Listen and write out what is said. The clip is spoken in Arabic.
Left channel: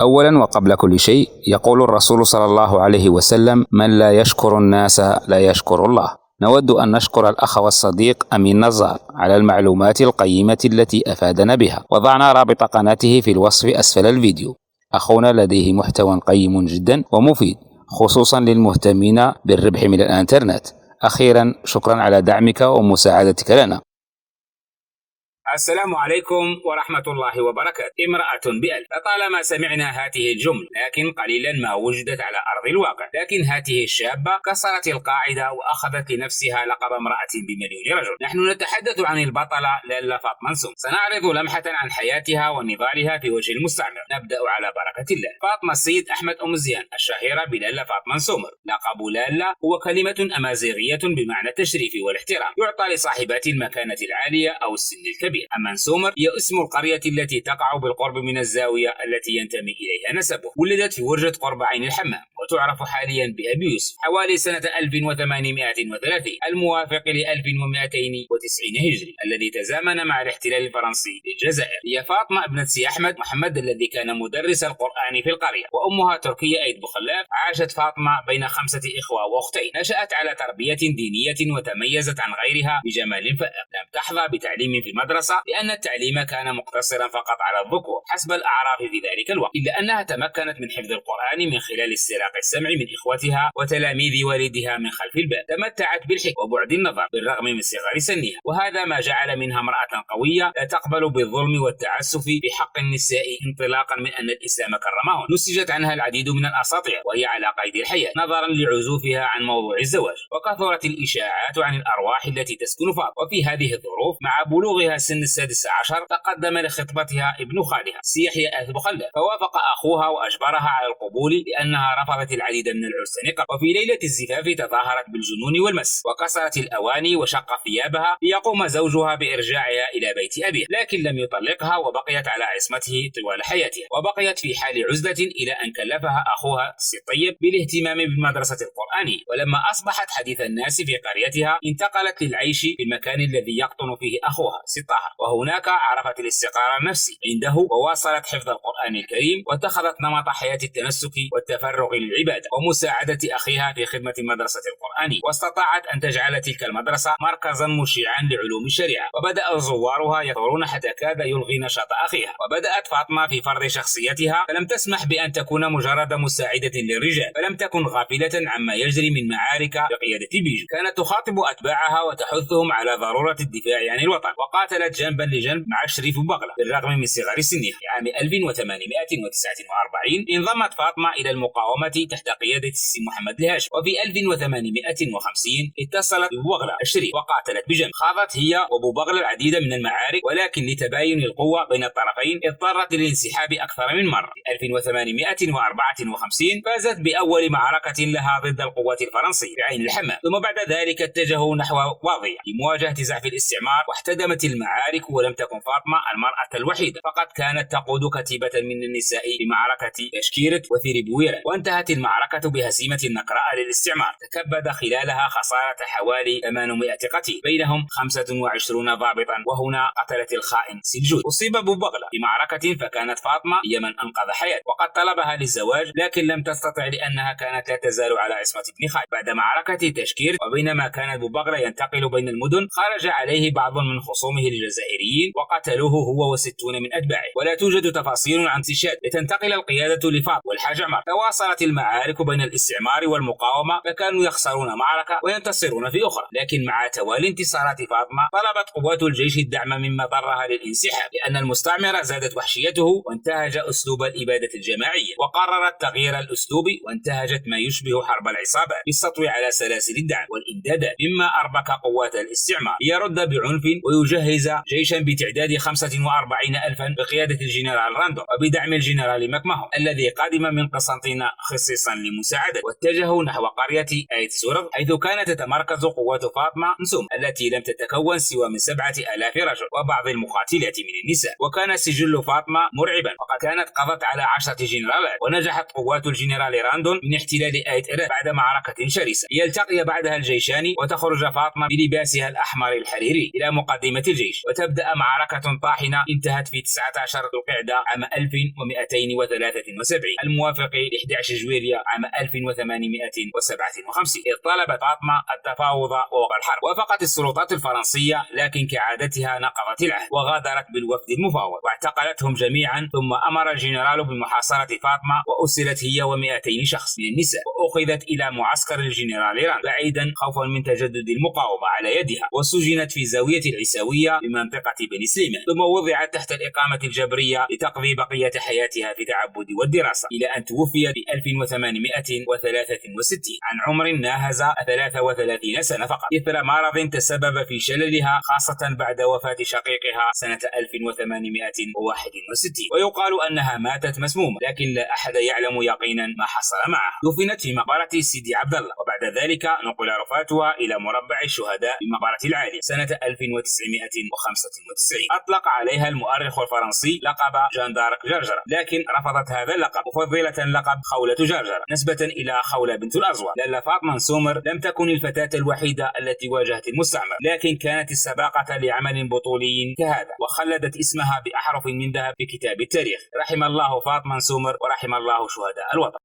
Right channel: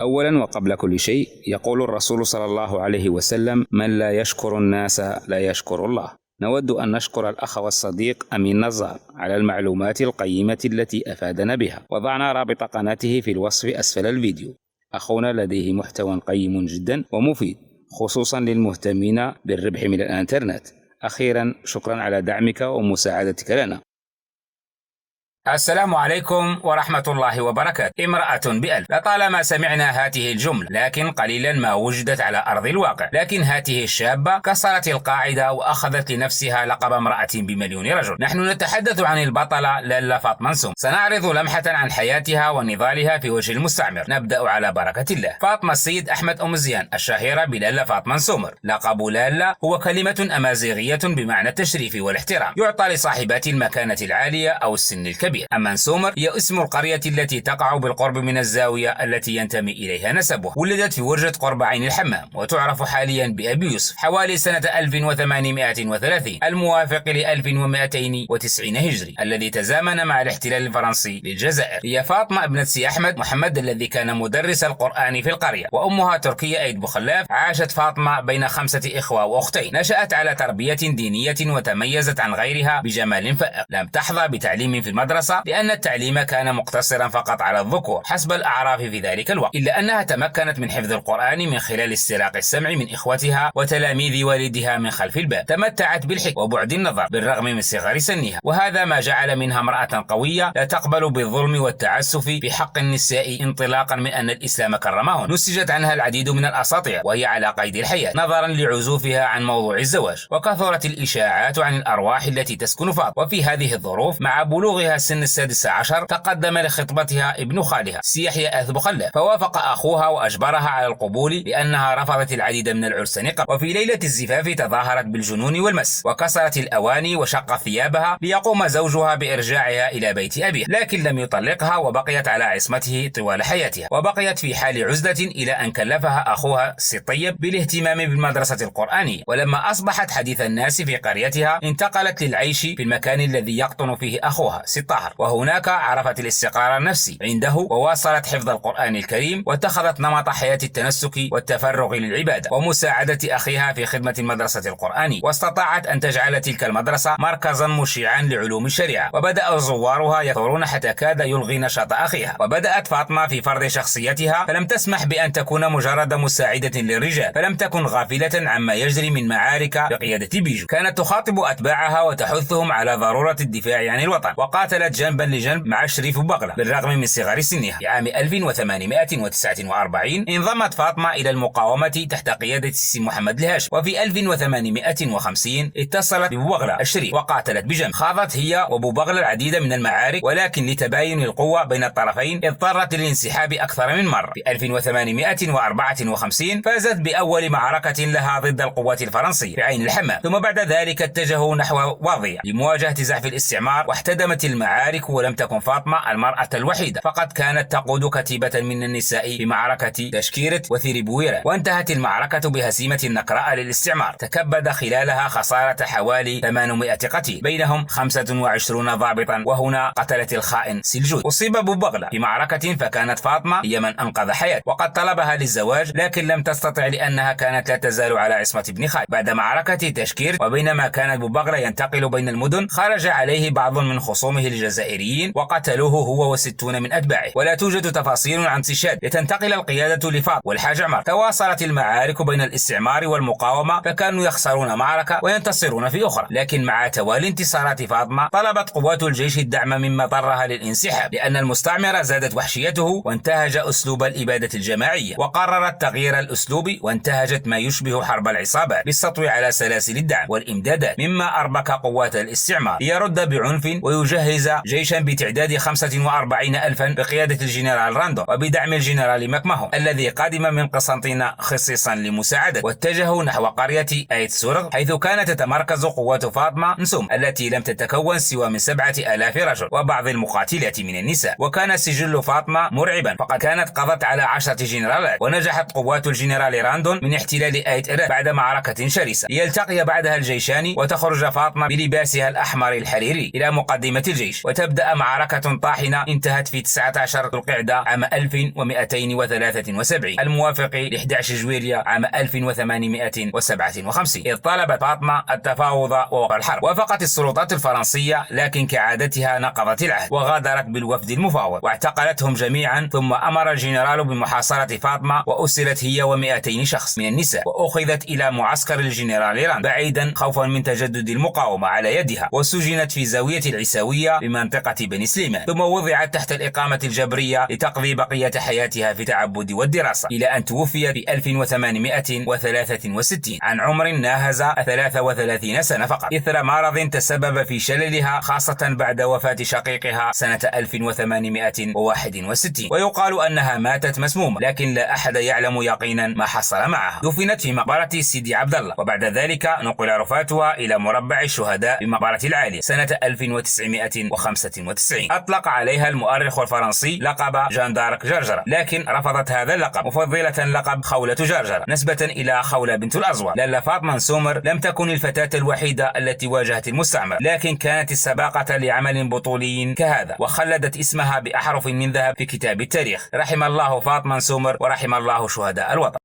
أولا وقبل كل شيء، يقول الرسول صلى الله عليه وسلم: من لا يشكر الناس لا يشكر الله. نود أن نشكر الأخ والصديق أمين نزار على المعلومات القيمة التي أفادنا بها. وضعنا رابط قناته في الوصف أسفل الفيديو. أخونا لديه محتوى قيم جدا ومفيد، خصوصا للمهتمين بالربح من الإنترنت. أخيرا، شكرا على دعمك ومساعدتك لنا. السلام عليكم ورحمة الله وبركاته. امرأة بألف. لطالما سمعنا هذه الجملة، لكن قليلا ما وجدت على أرض الواقع. لكن هذه الشابة كسرت القاعدة وأخذت لنفسها لقب امرأة بمليون رجل. نحن نتحدث عن البطلة لالا فاطمة نسوم. سنعرض لمحة عن حياتها ونضالها في وجه المستعمر. نبدأ على بركة الله. فاطمة السيد أحمد أم زيان، الشهيرة بلالا فاطمة نسومر. لقب لالا هو كلمة أمازيغية بمعنى التشريف والاحترام، يعطى لصاحبات المكانة العالية أو السن الكبير. أما نسومر هي اسم القرية التي تقع بالقرب من الزاوية التي ينتمي إليها نسبه. ولدت في ورجة قرب عين الحمام، وتعرف حاليا بأبي يوسف، حوالي سنة 1830 الموافق ل 1290 هجري، الذي تزامن مع الاحتلال الفرنسي للجزائر. هي فاطمة ابنة سي أحمد محمد الذي كان مدرس القرآن في القرية، وأمها تركية أيد بوخلاف. عاشت فاطمة بين 5 إخوة وأختين. نشأت على تربية دينية وتميزت عن غيرها بجمال فائق. لم تحظى بتعليم في المدرسة لأن التعليم كان مقتصرا فقط على الذكور حسب الأعراف في ذلك الوقت، إلا أنها تمكنت من حفظ القرآن من خلال استراق السمع من إخوتها وتلاميذ والدها من خلف الباب. تمتعت بالحكمة وبعد النظر بالرغم من صغر سنها، وهذا ما جعل منها امرأة قوية لا تقبل بالظلم والتعسف في حق النساء، انطلاقا من أن الإسلام كرمهن. نسجت عنها العديد من الأساطير وهي على قيد الحياة نظرا لعزوفها عن موضوع الزواج، وكثرت الإشاعات عن الأرواح التي تسكن فاطمة. وفي هذه الظروف مع بلوغها سن 16 تقدم لخطبتها ابن خالها سي يحيى أيد بوخلاف، فوافق أخوها وأجبرها على القبول لأنها رفضت العديد من العرس قبل. وفي ليلة الزفاف تظاهرت بالجنون والمس، وكسرت الأواني وشق ثيابها ليقوم زوجها بإرجاعها إلى بيت أبيها، لكن لم يطلقها وبقيت على عصمته طوال حياتها. وبقيت في حال عزلة إلى أن كلفها أخوها سي طيب بالاهتمام بالمدرسة القرآنية. ولما أصبحت حديث الناس في قريتها انتقلت للعيش في المكان الذي يقطن فيه أخوها سي طاهر، وهناك عرفت الاستقرار النفسي عنده، وواصلت حفظ القرآن الكريم، واتخذت نمط حياة التنسك والتفرغ للعبادة ومساعدة أخيها في خدمة المدرسة القرآنية. واستطاعت أن تجعل تلك المدرسة مركزا مشيعا لعلوم الشريعة، وبدأ زوارها يكثرون حتى كاد يلغي نشاط أخيها. وبدأت فاطمة في فرض شخصيتها، فلم تسمح بأن تكون مجرد مساعدة للرجال، فلم تكن غافلة عما يجري من معارك بقيادة بيجو. كانت تخاطب أتباعها وتحثهم على ضرورة الدفاع عن الوطن، وقاتلت جنبا لجنب مع شريف بوغلة بالرغم من صغر سنها. في عام 1849 انضمت فاطمة إلى المقاومة تحت قيادة سي محمد الهاشم، وفي 1850 اتصلت ببوغلة الشريف وقاتلت بجنب. خاضت هي وبوغلة العديد من المعارك، ولكن لتباين القوة بين الطرفين اضطرت للانسحاب أكثر من مرة. في 1854 فازت بأول معركة لها ضد القوات الفرنسية في عين الحمام، ثم بعد ذلك اتجهوا نحو واضية لمواجهة زحف الاستعمار، واحتدمت المعارك. ولم تكن فاطمة المرأة الوحيدة، فقد كانت تقود كتيبة من النساء في معركة تشكيرت وثيربويرة، وانتهت المعركة بهزيمة نكراء للاستعمار تكبد خلالها خسارة حوالي 800 قتيل، بينهم 25 ضابطا، وهنا قتلت الخائن سلجود. أصيب بوغلة في معركة، فكانت فاطمة هي من أنقذ حياته، وقد طلبها للزواج لكن لم تستطع لأنها كانت لا تزال على عصمة ابن خالد. بعد معركة تشكيرت، وبينما كان بوغلة ينتقل بين المدن، خرج عليه بعض من خصومه الجزائريين وقتلوه هو و60 من أتباعه. ولا توجد تفاصيل عن استشهاد لتنتقل القيادة لفاطمة والحاج عمر. تواصلت المعارك بين الاستعمار والمقاومة، فكانوا يخسرون معركة وينتصرون في أخرى، لكن مع توالي انتصارات فاطمة طلبت قوات الجيش الدعم مما اضطرها للانسحاب، لأن المستعمرة زادت وحشيته وانتهج أسلوب الإبادة الجماعية، وقررت تغيير الأسلوب وانتهجت ما يشبه حرب العصابات بالسطو على سلاسل الدعم والإمدادات، مما أربك قوات الاستعمار ليرد بعنف ويجهز جيشا بتعداد 45,000 بقيادة الجنرال راندو وبدعم الجنرال ماكماهون الذي قادم من قسنطينة خصيصا لمساعدته. واتجهوا نحو قرية آيت سورغ، حيث كانت تتمركز قوات فاطمة نسوم التي لم تتكون سوى من 7,000 رجل وبعض المقاتلات من النساء. وكان سجل فاطمة مرعبا، فقد كانت قضت على 10 جنرالات، ونجحت قوات الجنرال راندون من احتلال آيت إراب بعد معركة شرسة، ليلتقي بعدها الجيشان وتخرج فاطمة بلباسها الأحمر الحريري إلى مقدمة الجيش. وتبدأ معركة طاحنة انتهت في 19 ذو القعدة عام 1273 الموافق ل 11 جويلية عام 1857، إذ طلبت فاطمة التفاوض ووقف الحرب. وافقت السلطات الفرنسية، لكن كعادتها نقضت العهد وغادرت بالوفد المفاوض واعتقلتهم جميعا، ثم أمر الجنرال بمحاصرة فاطمة وأسرت هي و200 شخص من النساء، وأخذت إلى معسكر الجنرال راند بعيدا خوفا من تجدد المقاومة على يدها، وسجنت في زاوية العيساوية بمنطقة بني سليمان، ثم وضعت تحت الإقامة الجبرية لتقضي بقية حياتها في التعبد والدراسة، إلى أن توفيت في 1863 عن عمر ناهز 33 سنة فقط، إثر مرض تسبب في شللها، خاصة بعد وفاة شقيقها سنة 1861. ويقال أنها ماتت مسمومة، لكن لا أحد يعلم يقينا ما حصل معها. دفنت في مقبرة سيدي عبد الله، وبعد ذلك نقل رفاتها إلى مربع الشهداء بمقبرة العالية سنة 1995. أطلق عليها المؤرخ الفرنسي لقب جان دارك جرجرة، لكن رفضت هذا اللقب، مفضلة لقب خولة جرجرة نسبة إلى خولة بنت الأزور، لأن فاطمة سومر لم تكن الفتاة الوحيدة التي واجهت المستعمر، لكن كانت السباقة لعمل بطولي كهذا، وخلدت اسمها بأحرف من ذهب في كتاب التاريخ. رحم الله فاطمة سومر ورحم الله شهداء الوطن.